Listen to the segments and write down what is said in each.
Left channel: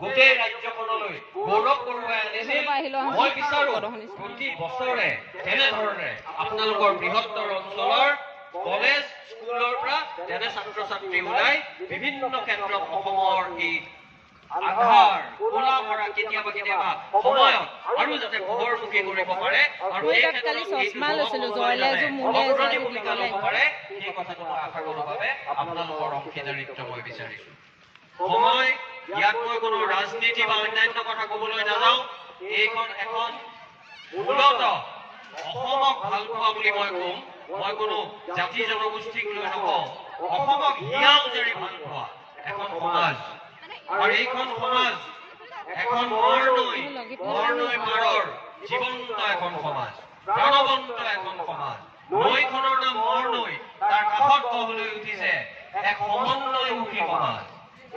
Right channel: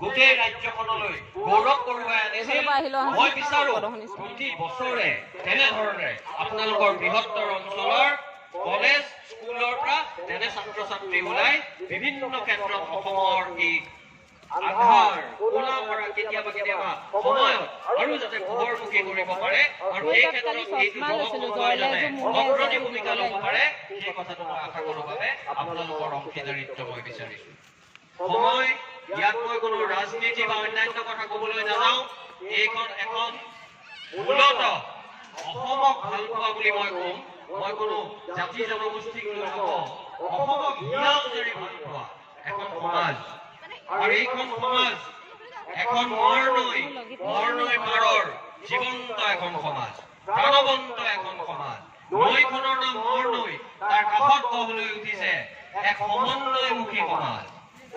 গোটেই ৰাজ্যখনলৈ গৌৰৱ কঢ়িয়াই আনিছিল। মই বিচাৰো প্ৰতি বছৰে তেনেধৰণে আপোনালোকৰ বৃহত্তৰ অঞ্চলৰ কলেজ স্কুলৰ পৰা তেনে ছাত্ৰ ছাত্ৰী ওলাই বিভিন্ন ক্ষেত্ৰত অসমৰ এই আধাৰ ওলা মৰা কেতিয়াবা কেতিয়াবা সময়ত আৰু যাতে পোহৰমুখী কৰিব পাৰে আৰু এই ক্ষেত্ৰত অগ্ৰণী ভূমিকা ল'ব পাৰে সেই কথাটো মই আশা কৰোঁ বাবে আপোনালোকৰ অংশীদাৰিত্ব মই বিচাৰিছোঁ। সময় ইয়াত মই কোনো ৰাজনীতি বা অন্যান্য কথা ক'বলৈ নাযাওঁ। এইখন এখন মূলত অসমক ভাল পোৱা বুলি মই ক'ম। মই কোনো জাতি জনগোষ্ঠীক লৈ নকওঁ। অসমক হিয়া উজাৰি ভাল পোৱা এখন সমাজ আৰু এইখন সমাজ এখন মৰনৈ পাৰৰ জীৱন্ত এখন সমাজ, প্ৰাণৱন্ত এখন সমাজ। নৈখনৰ নাম মৰনৈ, তাৰ কাষত গঢ়লৈ উঠিছে এক সমন্বয়মুখী সমাজ।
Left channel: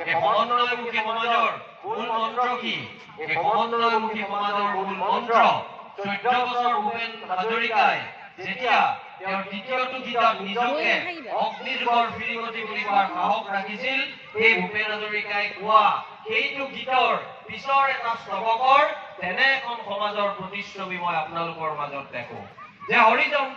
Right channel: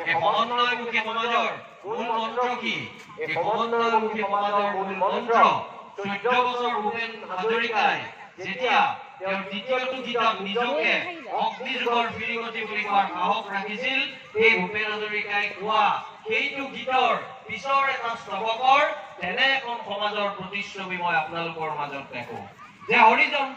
এই সমন্বয়মুখী সমাজৰ মূল মন্ত্ৰ কি? এই সমন্বয়মুখী সমাজৰ মূল মন্ত্ৰ 14 বছৰ ভূপেন হাজৰিকাই যেতিয়া তেওঁৰ দ্বিতীয়টো গীতত নিজকে অগ্নিযুগৰ ফিৰিঙতি বুলি কোৱাৰ সাহস ৰাখিছিল, সেই ভূপেন হাজৰিকাই কোৱা সেইটো গীতৰ পিছৰ এটা স্তৱকৰ তেনে এখন সমাজৰ প্ৰতিচ্ছবি মই আপোনালোকৰ মাজত দেখোঁ যে হৰিজন